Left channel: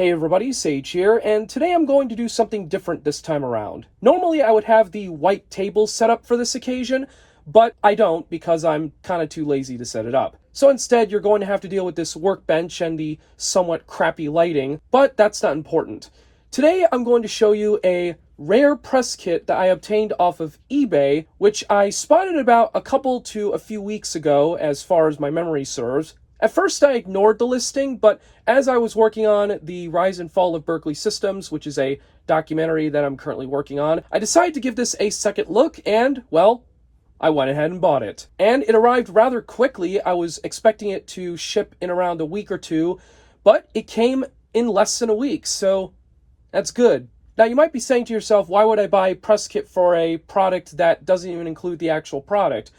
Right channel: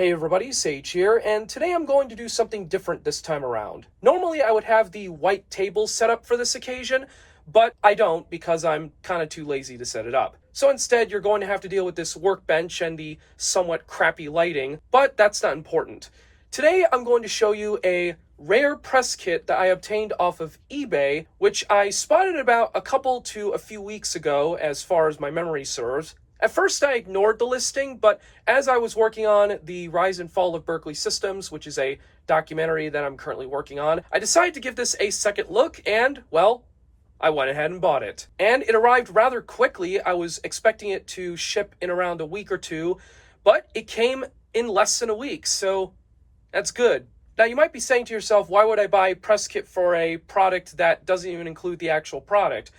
Hey everybody, Sage here, and today I'm going to do something different this time around. Normally I would have the white table set up for this occasion, but I don't because I'm kind of too lazy to set it up. So instead you're going to have to deal with this workbench and the somewhat crappy lighting, but that's not important. Today I'm going to show you a rare press kit that I obtained off of eBay, which I spotted about a couple to a few weeks ago as far as my memory serves. At first I ignored the listing, but as I was working on the Rise and Fall of Berkeley Systems, which is a documentary that I'm currently working on, I decided to give this a second look and, well, I went ahead and bought it. And it arrived rather quickly. I was expecting it to ship in around a week or two, but it came in less than a week, so that's good. Now you might be saying to yourself, why would I buy a press kit for a product that doesn't even include the actual product?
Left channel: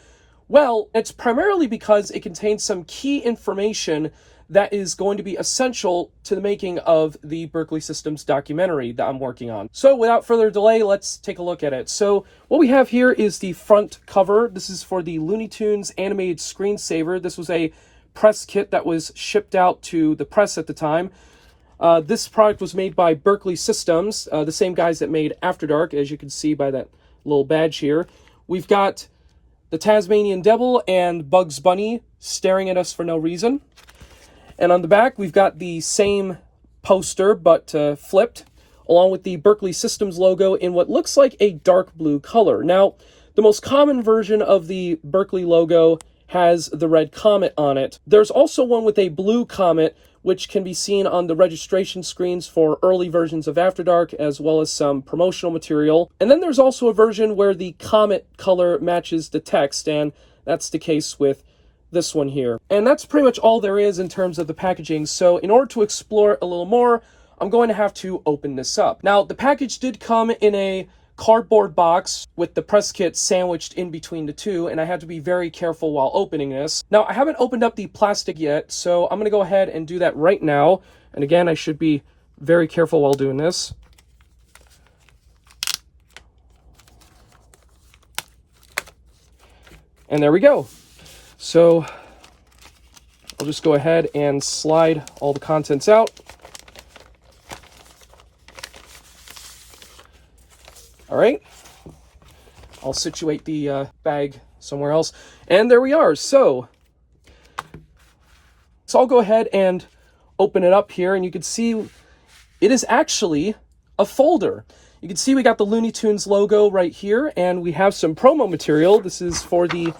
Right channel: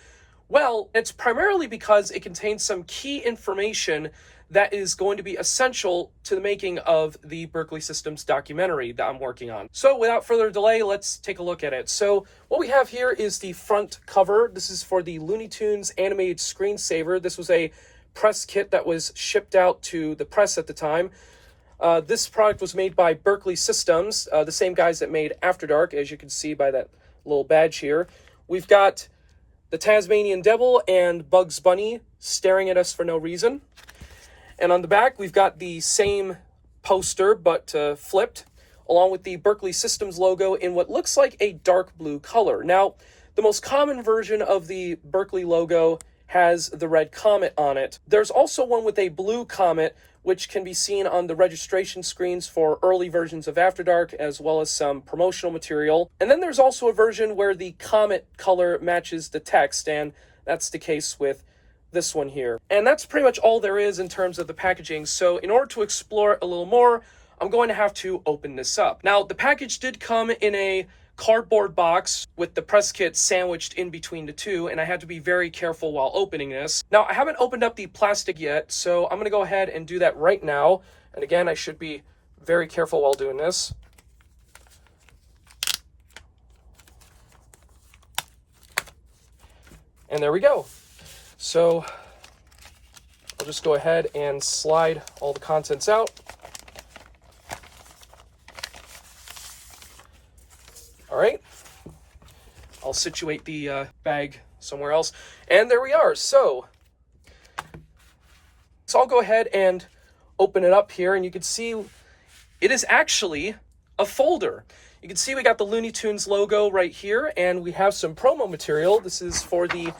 Well, it's primarily because it contains some key information that is going to be essential to the making of the Berkeley Systems documentary that I'm working on. So without further delay, let's take a look at it. So what we have here is the front cover. This is for the Looney Tunes animated screensaver. This was a press kit that was shipped out to the press at the time. This product was made by Berkeley Systems, the same guys that made After Dark, as you can see by that little badge here. We've got the Tasmanian Devil and Bugs Bunny staring at us for no reason. And on the back, we've got the same poster, but flipped, along with the Berkeley Systems logo in what looks like a dark blue color. Now, the most common version of the Berkeley logo has the red comet on it. There's also one with a blue comet, which can be seen on the registration screens for early versions of After Dark, as well as some promotional material. And then there's also a version where the comet color matches the text, and that's the case with this one here. And that's pretty much all there is in terms of the packaging. So in order to explore it a little more, I'm going to have to open this up. Now, the package did come in a cardboard box with the press kit sandwiched in between the two, and I had to be very careful while opening this. Now, I haven't opened up the plastic yet, so I'm going to go ahead and do that right now. And again, I should be very careful while doing this. And there we go. So we'll just go ahead and slide all the contents out. All right, I'll situate the bag somewhere else. And there we are. So I'll go ahead and open it up here, and you can see it is actually a folder. You can see we got the Looney Tunes logo right here, and we have some promo material. This is for the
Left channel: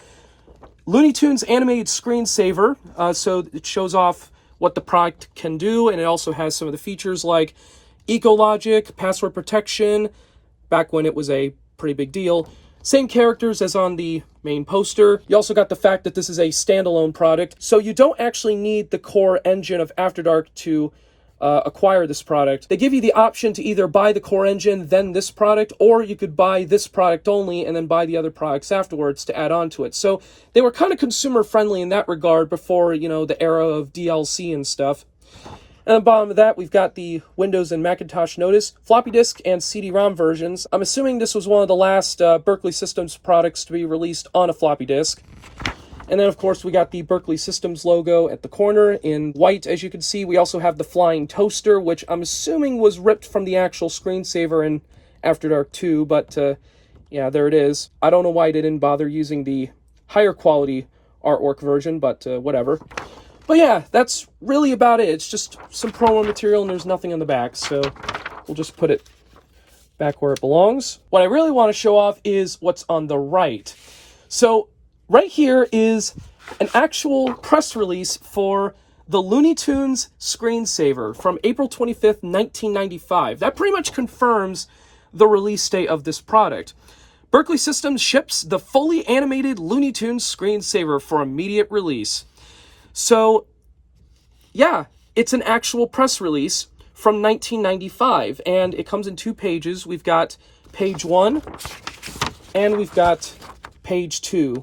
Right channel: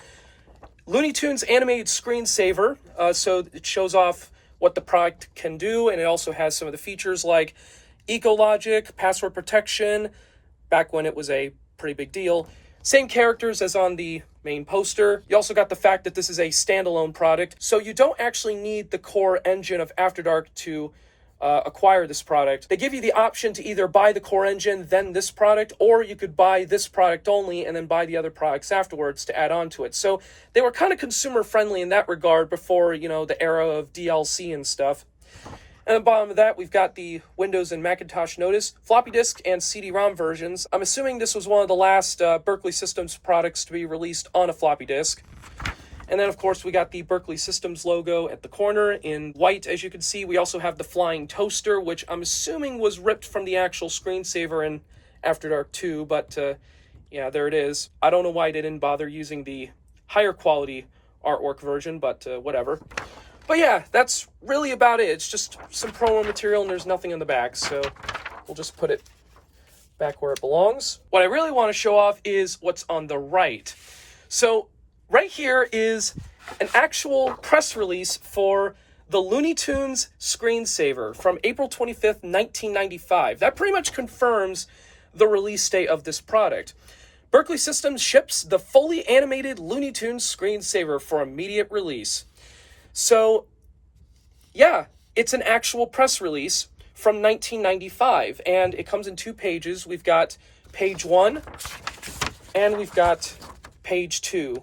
Looney Tunes animated screensaver. So it shows off what the product can do, and it also has some of the features like eco-logic, password protection, back when it was a pretty big deal. Same characters as on the main poster. You also got the fact that this is a standalone product, so you don't actually need the core engine of After Dark to acquire this product. They give you the option to either buy the core engine, then this product, or you could buy this product only and then buy the other products afterwards to add on to it. So they were kind of consumer friendly in that regard before, you know, the era of DLC and stuff. And at the bottom of that, we've got the Windows and Macintosh Notice, floppy disk, and CD-ROM versions. I'm assuming this was one of the last Berkeley Systems products to be released on a floppy disk. And then, of course, we got the Berkeley Systems logo at the corner in white, as you can see. We also have the flying toaster, which I'm assuming was ripped from the actual screensaver in After Dark 2, but yeah, there it is. I don't know why they didn't bother using the higher quality artwork version, but whatever. But yeah, that's really about it. It's just some promo material and there's nothing on the back, so we'll just put it back where it belongs. What I really want to show off is what's on the right. So right here is an actual press release for the Looney Tunes screensaver from April 25th, 1995. That pretty much confirms the release date of this product. Berkeley Systems ships the fully animated Looney Tunes screensaver for immediate release. So, yeah, it's an actual press release from 1995, and it comes in two pages. We've got page 1, and we've got page 2.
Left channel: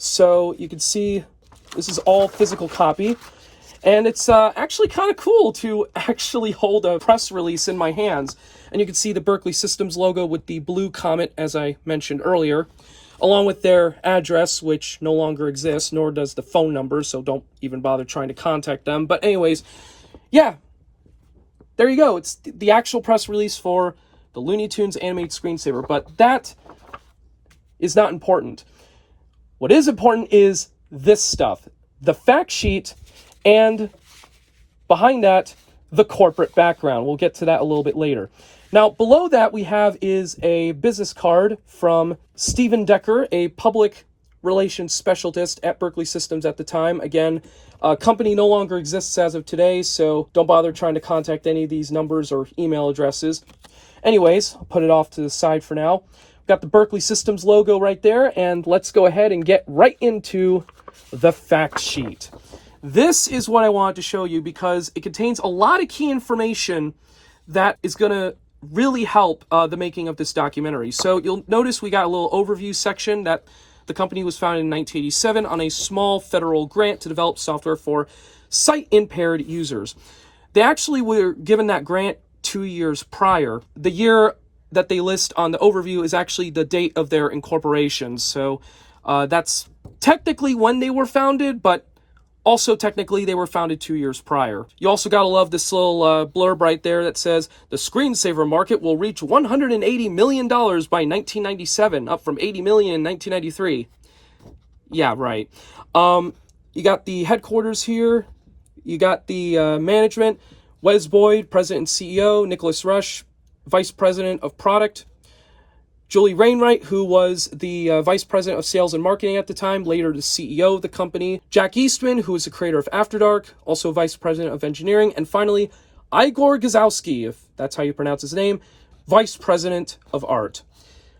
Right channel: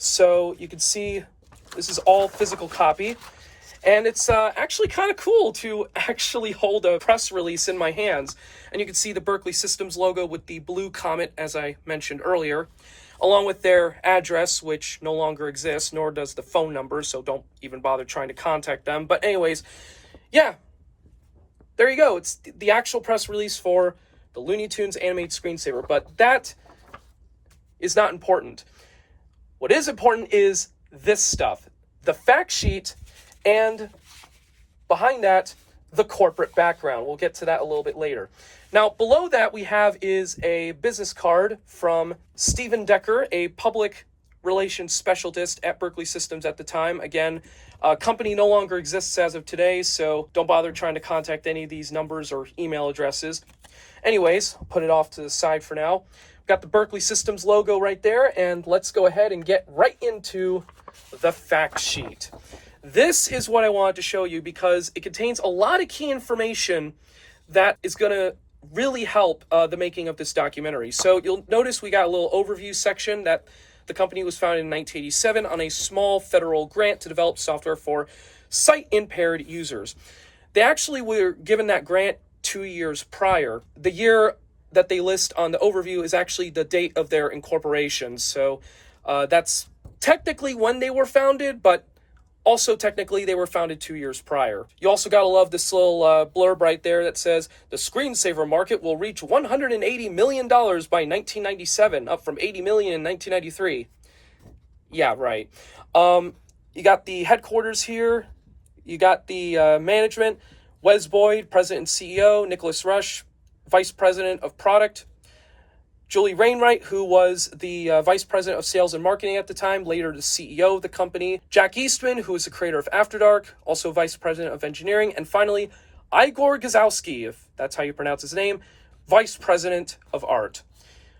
So you can see this is all physical copy, and it's actually kind of cool to actually hold a press release in my hands. And you can see the Berkeley Systems logo with the blue comet, as I mentioned earlier, along with their address, which no longer exists, nor does the phone number, so don't even bother trying to contact them. But anyways, yeah, there you go. It's the actual press release for the Looney Tunes animated screensaver, but that is not important. What is important is this stuff, the fact sheet, and behind that, the corporate background. We'll get to that a little bit later. Now, below that we have is a business card from Stephen Decker, a public relations specialist at Berkeley Systems at the time. Again, company no longer exists as of today, so don't bother trying to contact any of these numbers or email addresses. Anyways, I'll put it off to the side for now. We've got the Berkeley Systems logo right there, and let's go ahead and get right into the fact sheet. This is what I wanted to show you because it contains a lot of key information that is going to really help the making of this documentary. So you'll notice we got a little overview section that the company was founded in 1987 on a small federal grant to develop software for sight-impaired users. They actually were given that grant 2 years prior. The year that they list on the overview is actually the date of their incorporation. So that's technically when they were founded, but also technically they were founded 2 years prior. You also gotta love this little blurb right there that says, the screensaver market will reach $180 million by 1997, up from $80 million in 1993. Yeah, right. You got the headquarters here. You got the management. Wes Boyd, President and CEO. Nicholas Rush, Vice President of Product. Julie Wainwright, who was the Vice President of Sales and Marketing at the time, later the CEO of the company. Jack Eastman, who is the creator of After Dark, also Vice President of Engineering. And finally, Igor Gazowski, if that's how you pronounce his name, Vice President of Art.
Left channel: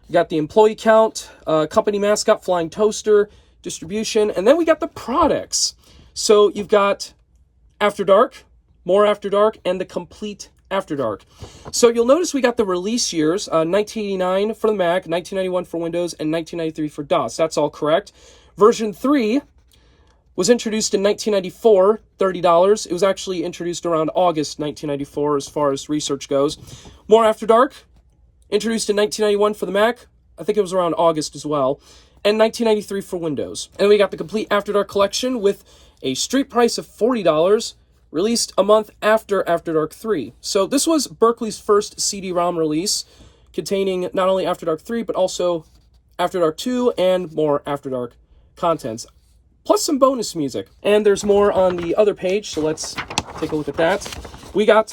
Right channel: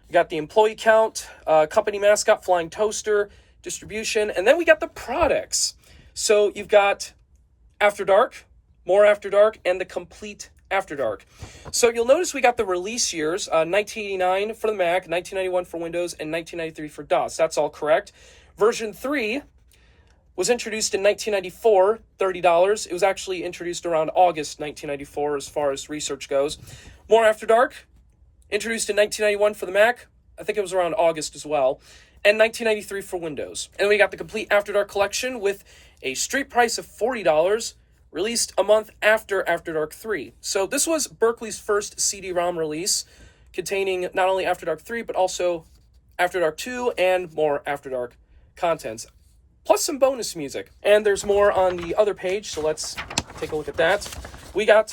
We got the employee count, company mascot, flying toaster, distribution, and then we got the products. So you've got After Dark, more After Dark, and the complete After Dark. So you'll notice we got the release years, 1989 for the Mac, 1991 for Windows, and 1993 for DOS. That's all correct. Version 3 was introduced in 1994, $30. It was actually introduced around August 1994 as far as research goes. More After Dark, introduced in 1991 for the Mac. I think it was around August as well. And 1993 for Windows. And we got the complete After Dark collection with a street price of $40, released a month after After Dark 3. So this was Berkeley's first CD-ROM release, containing not only After Dark 3, but also After Dark 2 and more After Dark contents, plus some bonus music. And there's more on the other page, so let's take a look at that. We got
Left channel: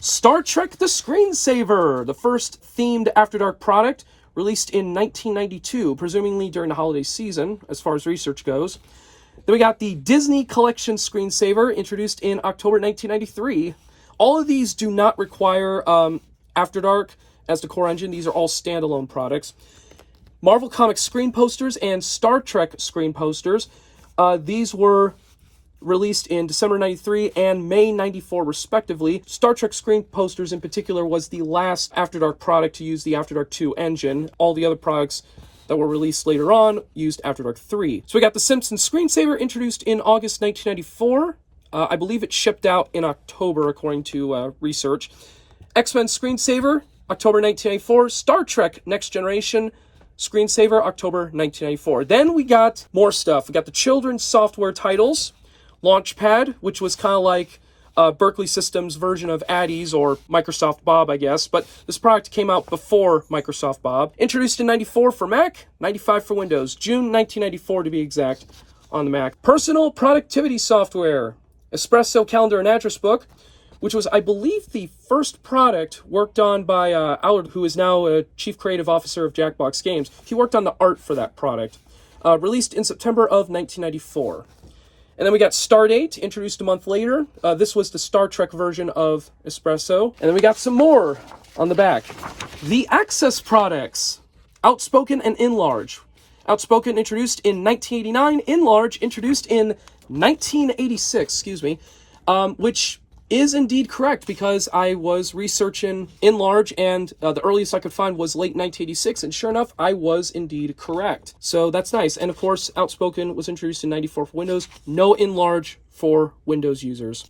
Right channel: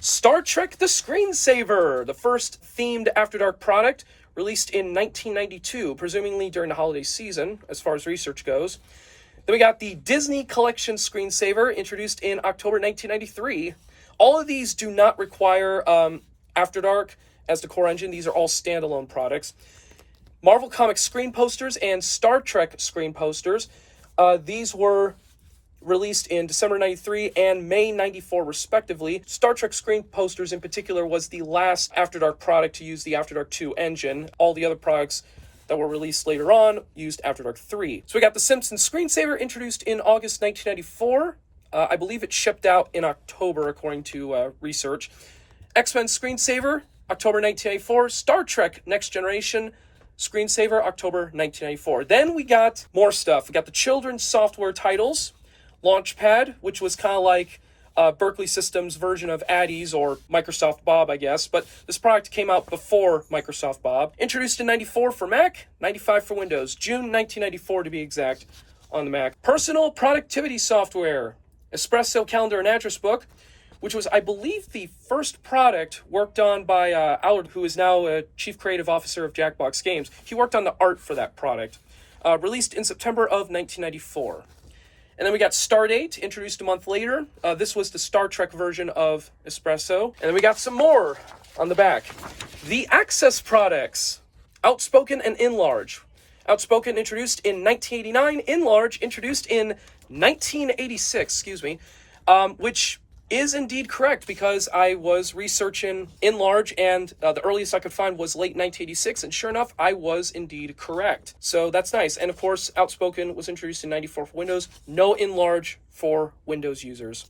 Star Trek the Screensaver, the first themed After Dark product, released in 1992, presumably during the holiday season, as far as research goes. Then we got the Disney Collection Screensaver, introduced in October 1993. All of these do not require After Dark as the core engine. These are all standalone products. Marvel Comics screen posters and Star Trek screen posters. These were released in December 93 and May 94 respectively. Star Trek screen posters in particular was the last After Dark product to use the After Dark 2 engine. All the other products that were released later on used After Dark 3. So we got the Simpsons Screensaver, introduced in August 1994. I believe it shipped out in October, according to research. X-Men Screensaver, October 1994. Star Trek Next Generation Screensaver, October 1994. Then we got more stuff. We got the children's software titles. Launchpad, which was kind of like Berkeley Systems' version of Addie's or Microsoft Bob, I guess, but this product came out before Microsoft Bob. Introduced in 94 for Mac, 95 for Windows, June 1994 to be exact on the Mac. Personal productivity software, Espresso Calendar and Address Book, which was, I believe, the first product worked on by Allard, who is now a Chief Creative Officer of Jackbox Games. He worked on the art for that product. Released in September of 1994. And then we got Stardate, introduced a month later. This was the Star Trek version of Espresso. And then we got some more on the back. The Access products, Outspoken and Enlarge. Outspoken introduced in 1989, Enlarge introduced in 1986, which is indeed correct because I was researching Enlarge and the earliest I could find was late 1986, and sure enough, I was indeed correct. So that's nice. And of course, Outspoken was introduced in 94 for Windows. No Enlarge for Windows users.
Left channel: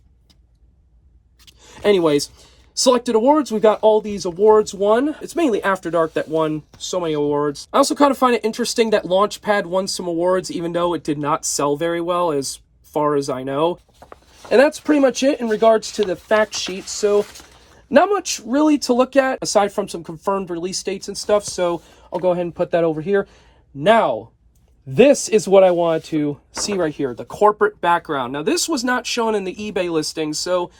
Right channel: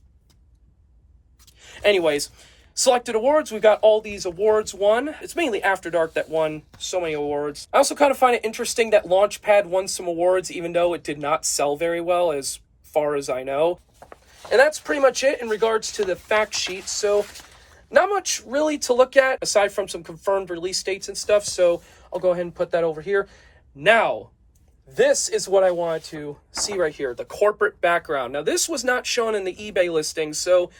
Anyways, selected awards. We've got all these awards won. It's mainly After Dark that won so many awards. I also kind of find it interesting that Launchpad won some awards, even though it did not sell very well as far as I know. And that's pretty much it in regards to the fact sheet. So Not much really to look at aside from some confirmed release dates and stuff, so I'll go ahead and put that over here. Now, this is what I wanted to see right here, the corporate background. Now, this was not shown in the eBay listing, so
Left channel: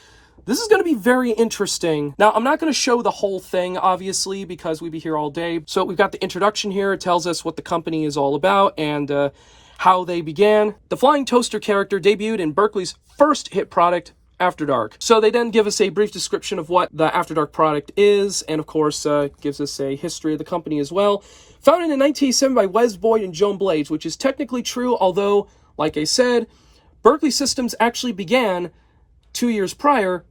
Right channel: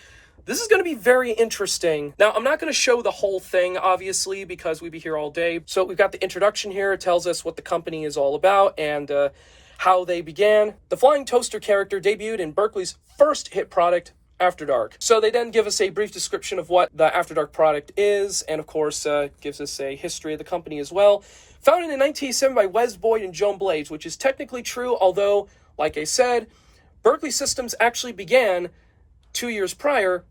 this is going to be very interesting. Now, I'm not going to show the whole thing, obviously, because we'd be here all day. So we've got the introduction here. It tells us what the company is all about and how they began. The flying toaster character debuted in Berkeley's first hit product, After Dark. So they then give us a brief description of what the After Dark product is, and of course gives us a history of the company as well. Founded in 1987 by Wes Boyd and Joan Blades, which is technically true, although, like I said, Berkeley Systems actually began 2 years prior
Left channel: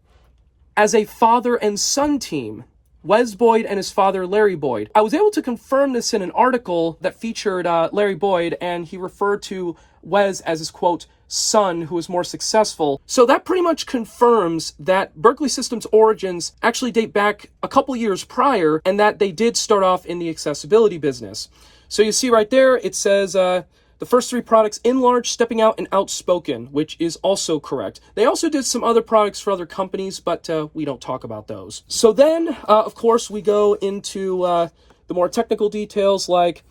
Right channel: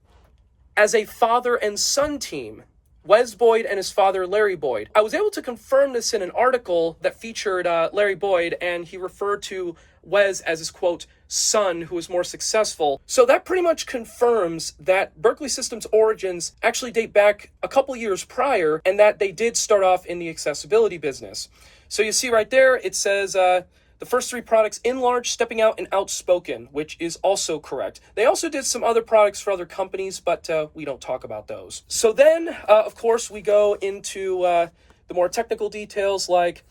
as a father and son team. Wes Boyd and his father, Larry Boyd. I was able to confirm this in an article that featured Larry Boyd, and he referred to Wes as his, quote, son who was more successful. So that pretty much confirms that Berkeley Systems' origins actually date back a couple years prior, and that they did start off in the accessibility business. So you see right there, it says the first 3 products, Enlarged, Stepping Out, and Outspoken, which is also correct. They also did some other products for other companies, but we don't talk about those. So then, of course, we go into the more technical details, like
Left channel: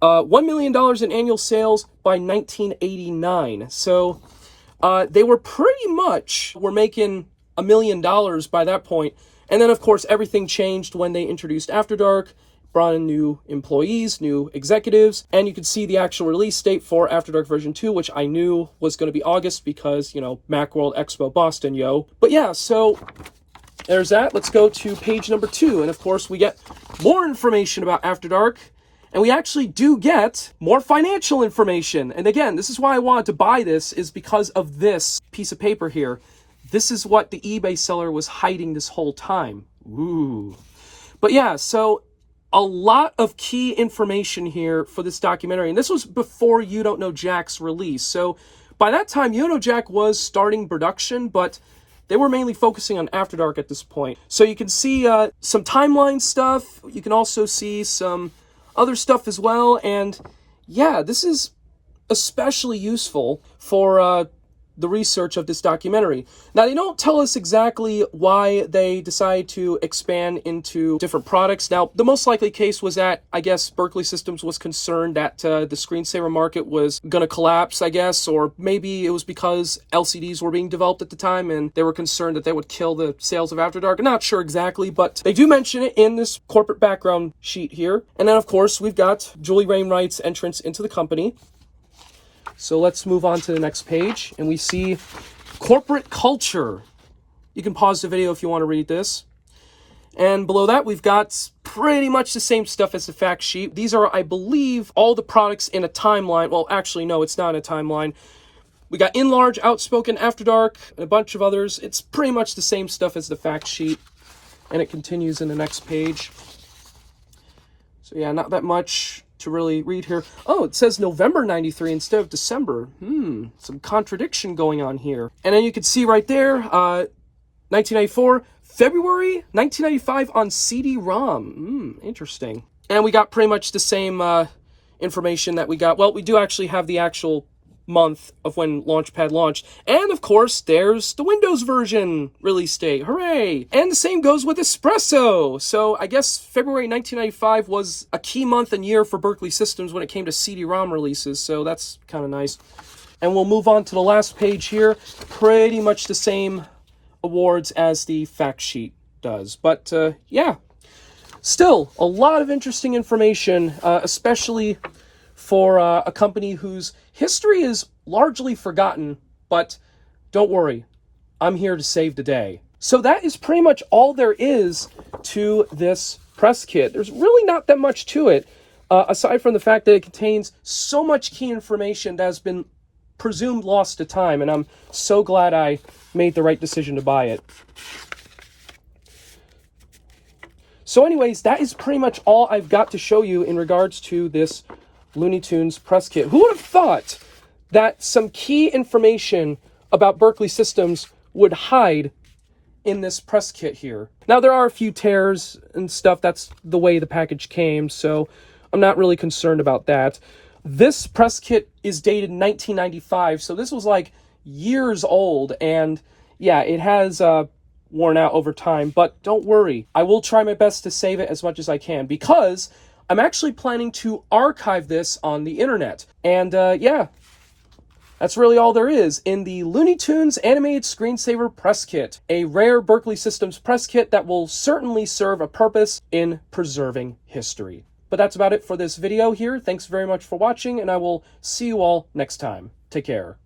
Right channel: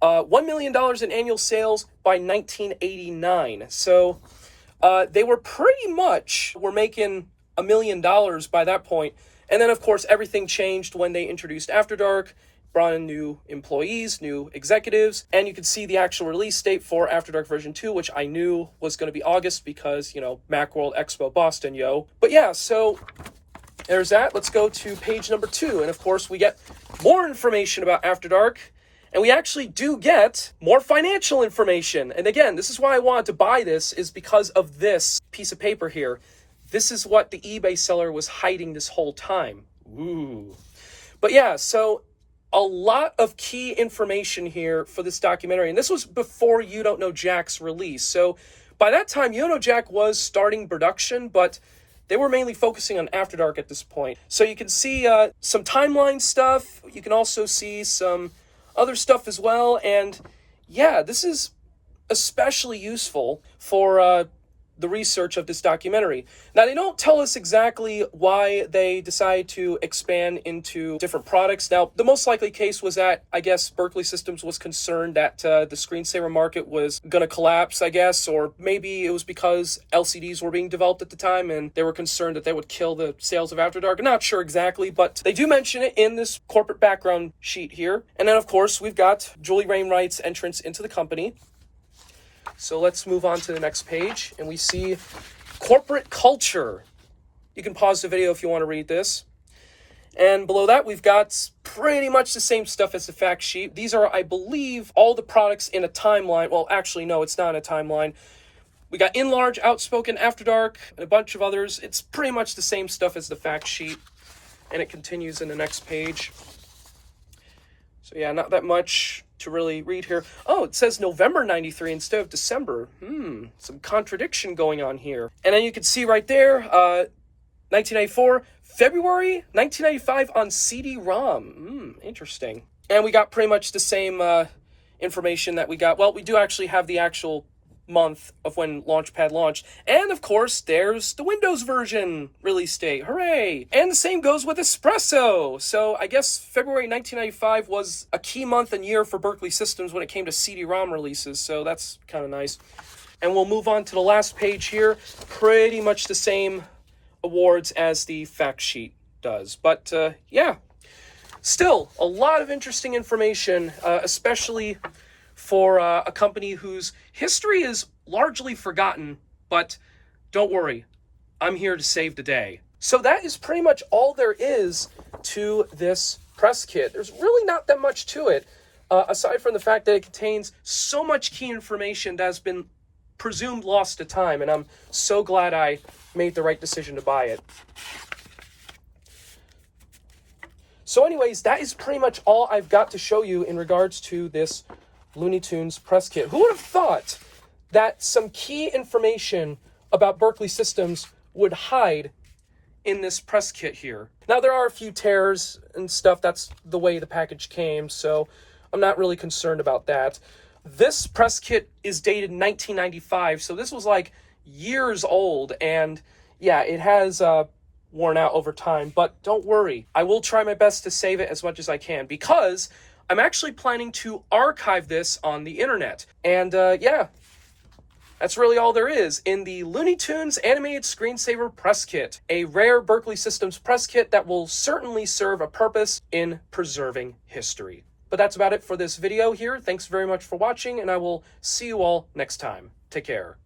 $1 million in annual sales by 1989. So they were pretty much, were making $1 million by that point. And then, of course, everything changed when they introduced After Dark, brought in new employees, new executives, and you can see the actual release date for After Dark version 2, which I knew was going to be August because, you know, Macworld Expo Boston, yo. But yeah, so there's that. Let's go to page number 2, and of course we get more information about After Dark, and we actually do get more financial information. And again, this is why I wanted to buy this, is because of this piece of paper here. This is what the eBay seller was hiding this whole time. Ooh. But yeah, so a lot of key information here for this documentary. And this was before You Don't Know Jack's release. So by that time, You Don't Know Jack was starting production, but they were mainly focusing on After Dark at this point. So you can see some timeline stuff. You can also see some other stuff as well. And yeah, this is especially useful for the research of this documentary. Now, they don't tell us exactly why they decided to expand into different products. Now, the most likely case was that, I guess, Berkeley Systems was concerned that the screensaver market was going to collapse, I guess, or maybe it was because LCDs were being developed at the time and they were concerned that they would kill the sales of After Dark. I'm not sure exactly, but they do mention it in this corporate background sheet here. And then, of course, we've got Julie Wainwright's entrance into the company. So let's move on to the next page, and we see corporate culture. You can pause the video if you want to read this. And below that, we've got pretty much the same stuff as the fact sheet. These are, I believe, all the products in a timeline. Well, actually, no, it's not in a timeline. We got Enlarge, Outspoken, After Dark, and a bunch of others. It's pretty much the same stuff as the fact sheet, and it continues in the next page. So yeah, not that much to really read here. Oh, it says November 93 instead of December. Some contradiction going on here. And then you can see right there, 1994, February 1995 on CD-ROM. Interesting. And we got pretty much the same information that we got. Well, we do actually have the actual month of when Launchpad launched. And of course, there's the Windows version release date. Hooray! And the same goes with Espresso. So I guess February 1995 was a key month and year for Berkeley Systems when it came to CD-ROM releases. So that's kind of nice. And we'll move on to the last page here. Pretty much the same awards as the fact sheet does. But yeah, still a lot of interesting information, especially for a company whose history is largely forgotten, but don't worry, I'm here to save the day. So that is pretty much all there is to this press kit. There's really not that much to it, aside from the fact that it contains so much key information that has been presumed lost to time, and I'm so glad I made the right decision to buy it. So anyways, that is pretty much all I've got to show you in regards to this Looney Tunes press kit. Who would have thought that some key information about Berkeley Systems would hide in this press kit here? Now, there are a few tears and stuff. That's the way the package came, so I'm not really concerned about that. This press kit is dated 1995, so this was like years old, and yeah, it has worn out over time, but don't worry. I will try my best to save it as much as I can because I'm actually planning to archive this on the internet. And yeah, that's really all there is in the Looney Tunes Animated Screensaver Press Kit, a rare Berkeley Systems press kit that will certainly serve a purpose in preserving history. But that's about it for this video here. Thanks very much for watching, and I will see you all next time. Take care.